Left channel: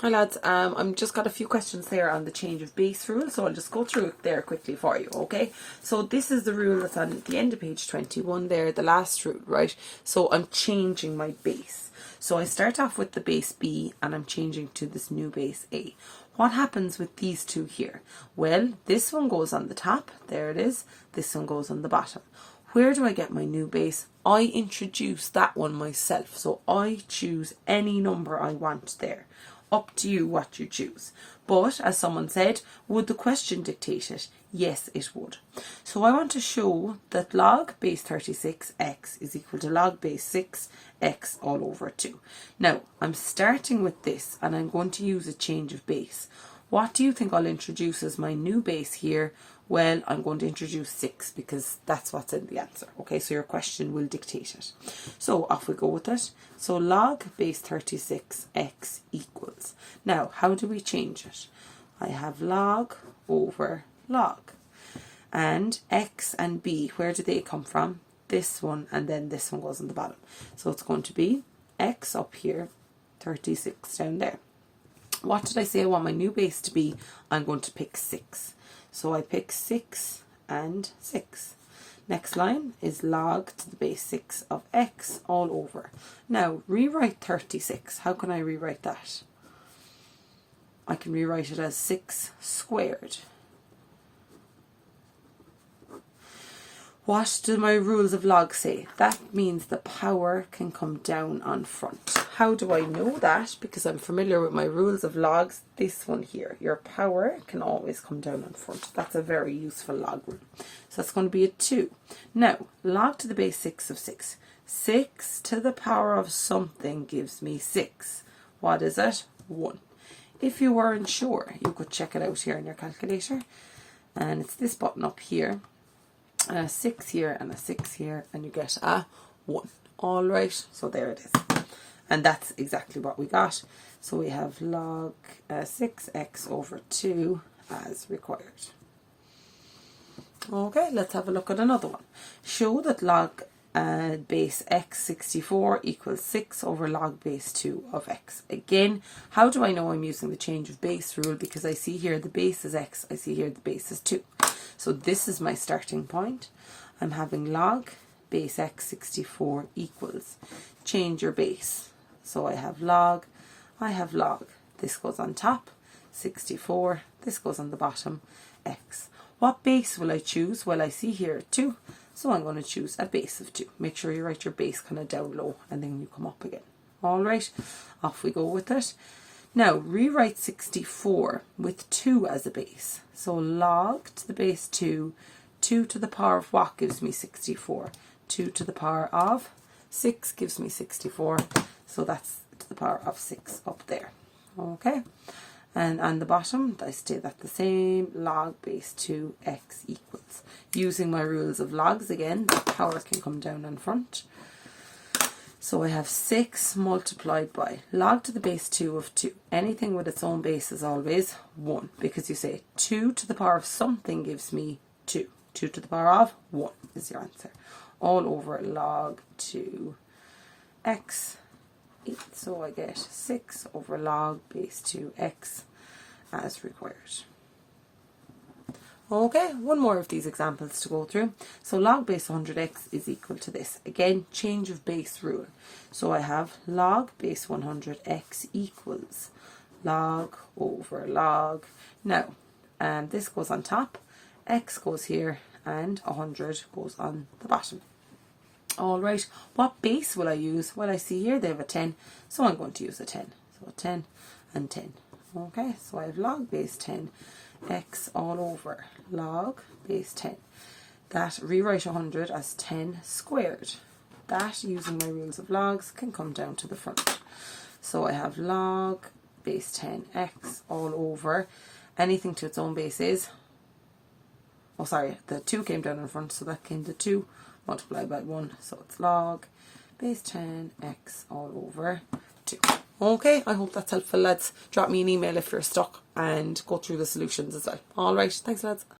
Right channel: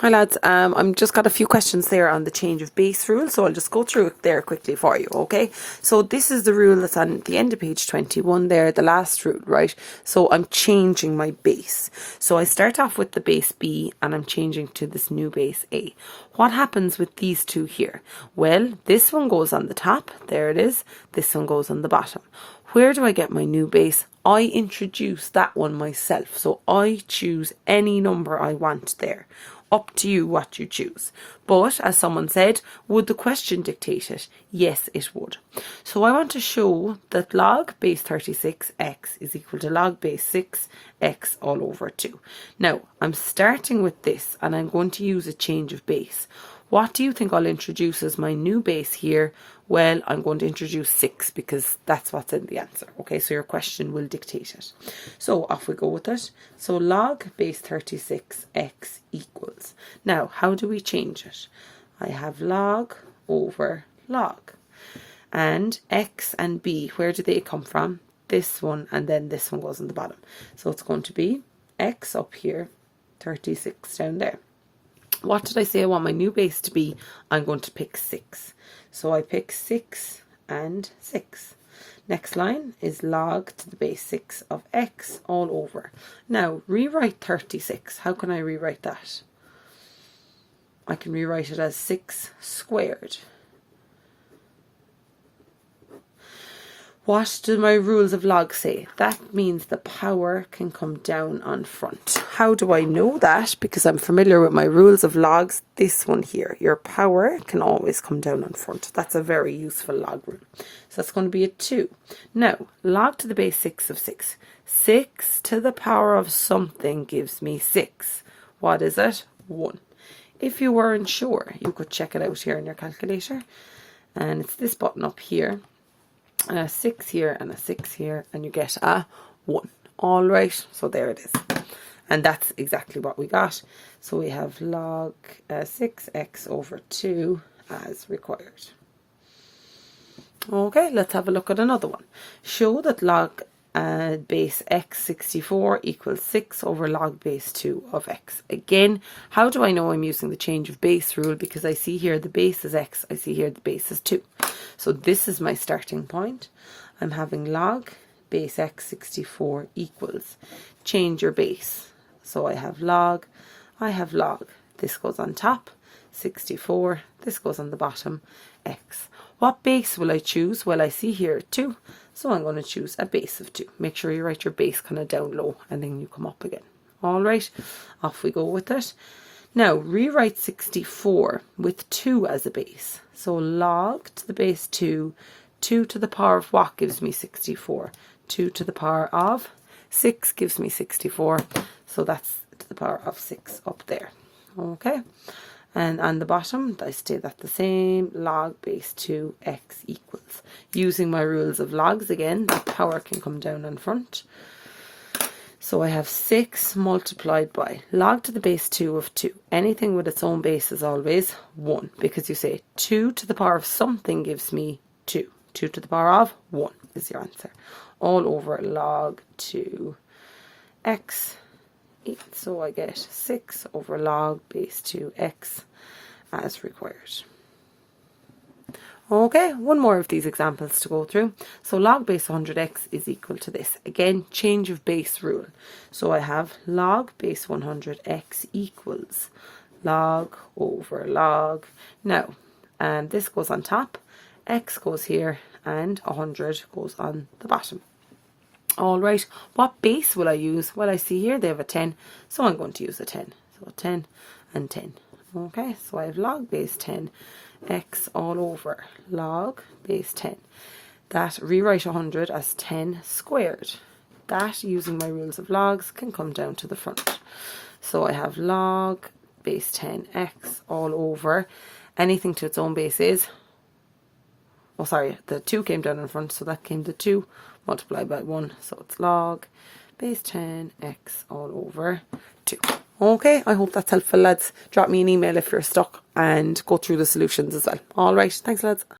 Hi lads, I'm just got a few questions there on the change of base rule, so I'll just go through it there quickly for you, okay? So this is the rule that's on the end of page 21 there, the last rule, right? So I'm changing my base. So I start off with the base B and I'm changing to this new base A. What happens with these two here? Well, this one goes on the top, there it is, this one goes on the bottom. Where do I get my new base? I introduce that one myself, so I choose any number I want there. Up to you what you choose. But, as someone said, would the question dictate it? Yes, it would. So I want to show that log base 36x is equal to log base 6x all over 2. Now, I'm starting with this and I'm going to use a change of base. What do you think I'll introduce as my new base here? Well, I'm going to introduce 6 because that's what's in the answer. Okay, so your question will dictate it. So off we go with it. So log base 36x equals. Now, how do we change it? I have log over log. And x and b, where do they come from? This one and then this one goes on the bottom. So it's going to be x up here, 36 down there. What did I say I want my new base to be? I'm going to pick 6. So I pick 6 and 6. Next line is log to the base 6 of x all over. Now, rewrite 36. How can I rewrite that? I can rewrite it as 6 squared. What do my rules of log say? That means the power can come down on front. How do I know that? Because I'm familiar with my rules of logs. This one here, your power can always come down on front. That's a very useful log rule. So that's going to be a 2. Now, log to the base 6 of 6. 6 to the power of something gives me 6. What is it? 1. If you weren't sure, you could check it out here in your calculator. And it's this button up here. And a 6 here and a 6 here, and you get a 1. All right, so there it is. And that's exactly what we got. So we have log 6x over 2 as required. Okay, let's have a look at another one. Show that log base x 64 equals 6 over log base 2 of x. Again, how do I know I'm using the change of base rule? Because I see here the base is x, I see here the base is 2. So this is my starting point. I'm having log base x 64 equals. Change your base. So I have log. This goes on top, 64. This goes on the bottom, x. What base will I choose? Well, I see here 2. So I'm going to choose a base of 2. Make sure you write your base kind of down low and then you come up again. All right, off we go with it. Now, rewrite 64 with 2 as a base. So log to the base 2, 2 to the power of what gives me 64? 2 to the power of 6 gives me 64. So that's to the power of 6 up there. Okay. And on the bottom, I stay that the same, log base 2 x equals. Using my rules of logs again, the power can come down in front. So I have 6 multiplied by log to the base 2 of 2. Anything with its own base is always 1, because you say 2 to the power of something gives me 2. 2 to the power of 1 is your answer. All over log 2 x. So I get 6 over log base 2x as required. Okay, one more of these examples to go through. So log base 100x is equal to this. Again, change of base rule. So I have log base 100x equals log over log. Now, this goes on top, x goes here, and 100 goes on the bottom. All right, what base will I use? Well, I see here they have a 10, so I'm going to use a 10. So 10 and 10. Okay, so I have log base 10 x all over log base 10. That rewrite 100 as 10 squared. That, using my rules of logs, can come down to the front. So I have log base 10 x all over. Anything to its own base is, oh sorry, the 2 came down in front, so that came to 2 multiplied by 1. So it's log base 10 x all over 2. Okay, I hope that's helpful, lads. Drop me an email if you're stuck and go through the solutions as well. All right, thanks, lads.